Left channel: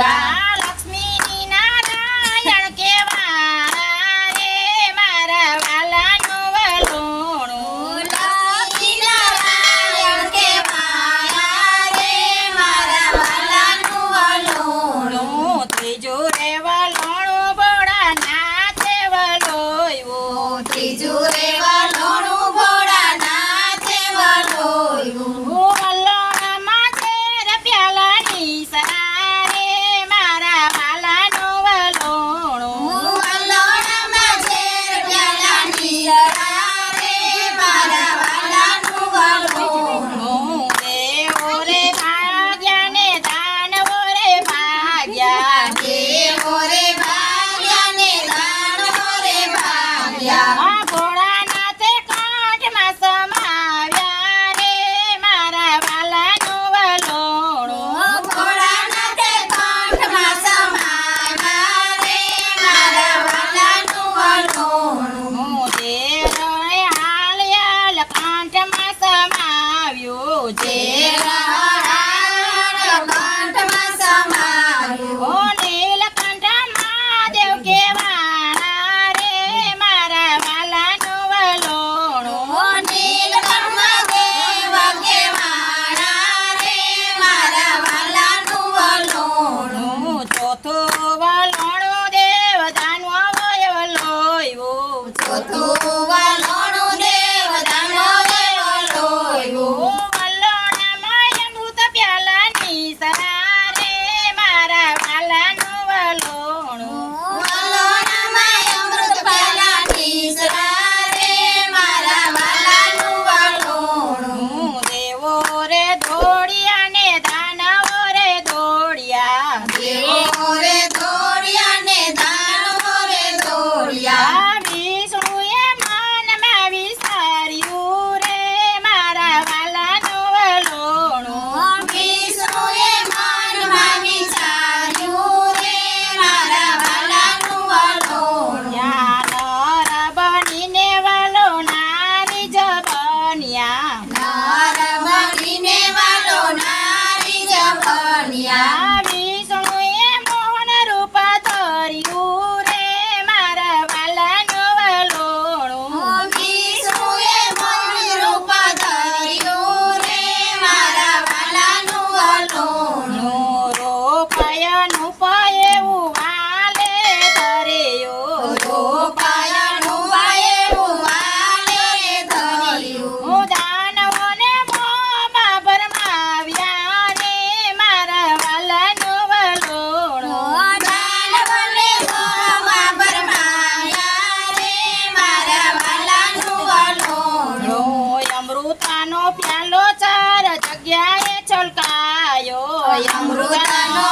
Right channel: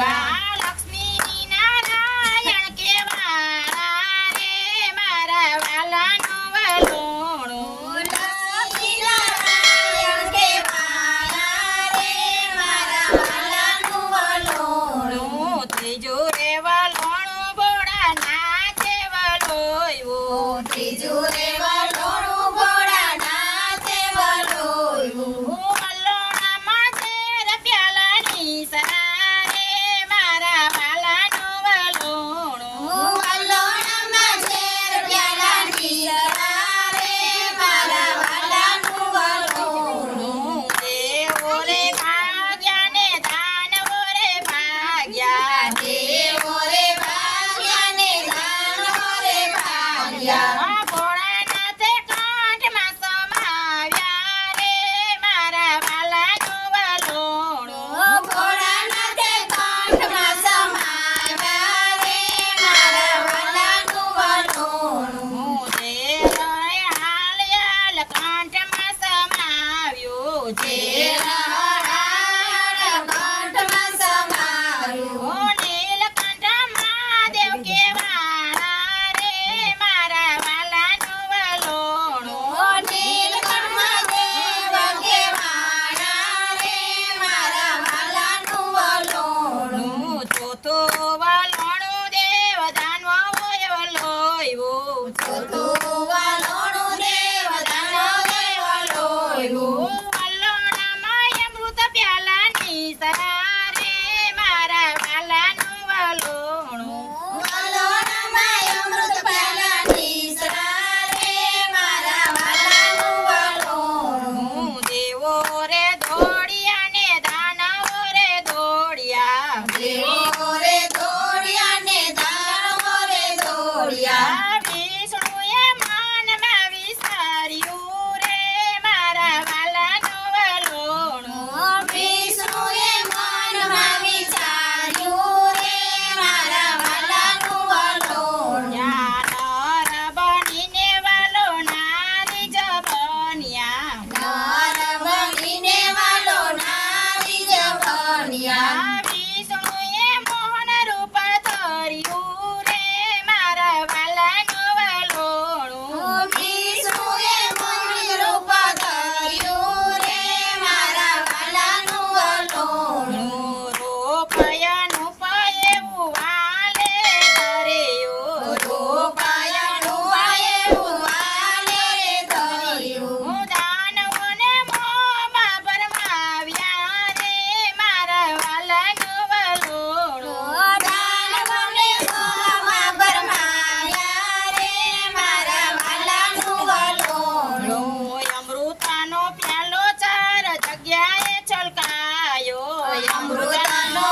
કેવા લક્ષ્મી નારાયણ કેવા રે મારા વાલાનું વલોણું લક્ષ્મી નારાયણ કેવા રે મારા વાલાનું વલોણું ત્રીજું રે વલોણું બોડા નાચે વલોયું ત્રીજું રે વલોણું બોડા નાચે વલોયું વલોણમાં તેર પ્યાલાની સરારે મારા વાલાનું વલોણું વલોણમાં તેર પ્યાલાની સરારે મારા વાલાનું વલોણું દેવો રે ભાગ્યા ને દાનવો રે ભાગ્યા દેવો રે ભાગ્યા ને દાનવો રે ભાગ્યા ભોળાનાથે કાંઠમાં સમાવ્યા રે મારા વાલાનું વલોણું ભોળાનાથે કાંઠમાં સમાવ્યા રે મારા વાલાનું વલોણું તેરણે હાલ કાંઠમાં સમાવ્યું કાંઠમાં સમાવ્યું નીલકંઠ મહાદેવ કેવાળા રે મારા વાલાનું વલોણું નીલકંઠ મહાદેવ કેવાળા રે મારા વાલાનું વલોણું ચોથું વલોણું દેવ દાનવો વલોયું ચોથું વલોણું દેવ દાનવો વલોયું વલોણામાં અમૃત પ્યાલાની સરારે મારા વાલાનું વલોણું વલોણામાં અમૃત પ્યાલાની સરારે મારા વાલાનું વલોણું દેવો રે દોડિયા ને દાનવો રે દોડિયા દેવો રે દોડિયા ને દાનવો રે દોડિયા વિષ્ણુએ મનમાં વિચાર્યું રે મારા વાલાનું વલોણું વિષ્ણુએ મનમાં વિચાર્યું રે મારા વાલાનું વલોણું નર બનીને વલોણારી જ બન્યા નર બનીને વલોણારી જ બન્યા વિષ્ણુએ મોહન રૂપ ધર્યું રે મારા વાલાનું વલોણું વિષ્ણુએ મોહન રૂપ ધર્યું રે મારા વાલાનું વલોણું રૂપયનું પયેવું વાલે ધર્યું રૂપયનું પયેવું વાલે ધર્યું દાનવોને મોંમાં ભરમાવ્યા રે મારા વાલાનું વલોણું દાનવોને મોંમાં ભરમાવ્યા રે મારા વાલાનું વલોણું અમૃતાનો પ્યાલો ચાર જગ્યાએ છલકાયો અમૃતાનો